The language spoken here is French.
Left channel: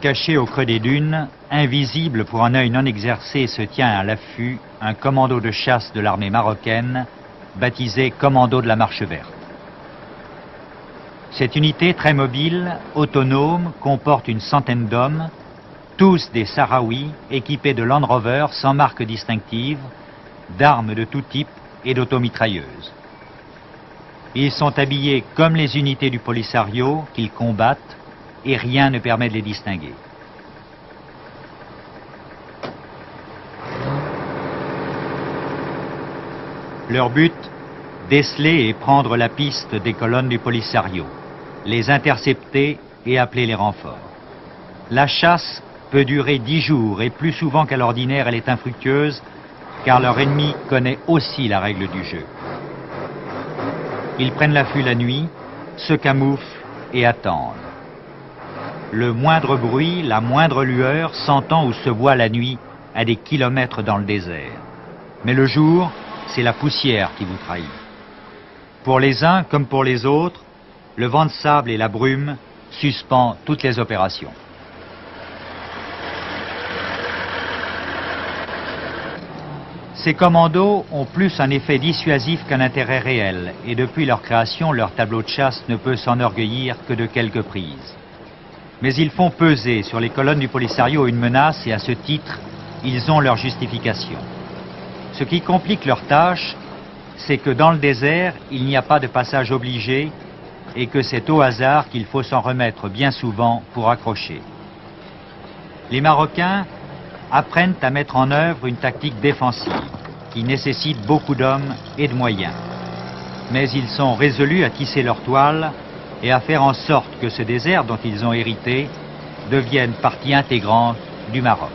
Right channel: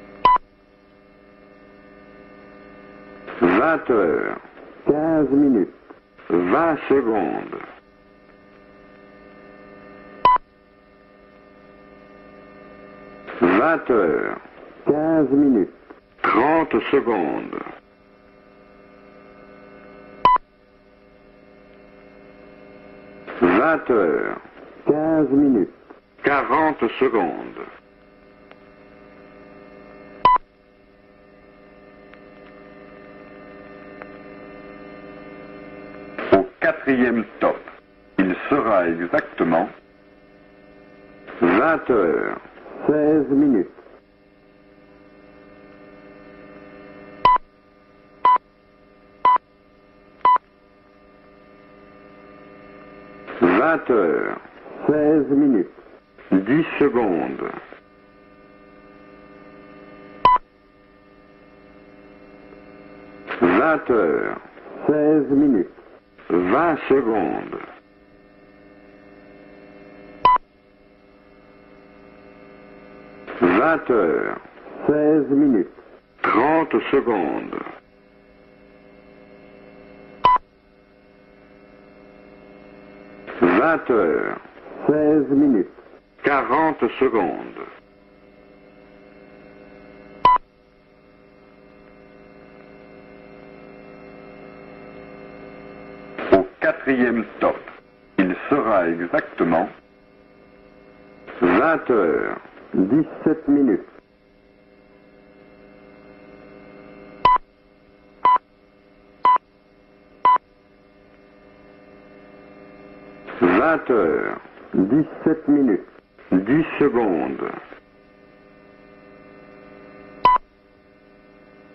Caché au creux des dunes, invisible pour un œil non exercé, se tient à l'affût un commando de chasse de l'armée marocaine, baptisé Commando de la Marche Verte. Cette unité très mobile, autonome, comporte une centaine d'hommes, tous des Sahraouis, équipés de Land Rover sans marque distinctive, d'armes de tout type et d'automitrailleuses. Ils sont habillés comme les unités du Polisario qu'ils combattent, et rien ne permet de les distinguer. Leur but, déceler et prendre la piste des colonnes du Polisario, les intercepter et appeler les renforts. La chasse peut durer 10 jours et plus souvent qu'à l'ordinaire elle est infructueuse car leur ennemi connaît aussi la règle du jeu. Ils prennent l'affût la nuit, se camouflent et attendent. Le moindre bruit, la moindre lueur s'entend ou se voit la nuit à des kilomètres dans le désert. Mais le jour, c'est la poussière qui vous trahit. Pour les uns comme pour les autres, le vent de sable et la brume suspendent toutes les opérations. 16 minutes, 30 secondes. Ces commandos ont plus un effet dissuasif qu'un intérêt réel, et depuis leur création, leur tableau de chasse ne peut s'enorgueillir que de quelques prises. Mais ils font peser sur les colonnes du Polisario une menace et à ce titre, ils ont leur justification. Ce qui complique leur tâche, c'est que dans le désert, il n'y a pas de passage obligé et que c'est au hasard qu'il faut s'en remettre bien souvent pour accrocher. Les Marocains apprennent à mettre en œuvre une tactique défensive qui nécessite beaucoup d'hommes et de moyens. Mais ils sont résolus à tisser leur toile et à faire en sorte que ce désert dont ils ont hérité devienne partie intégrante du Maroc.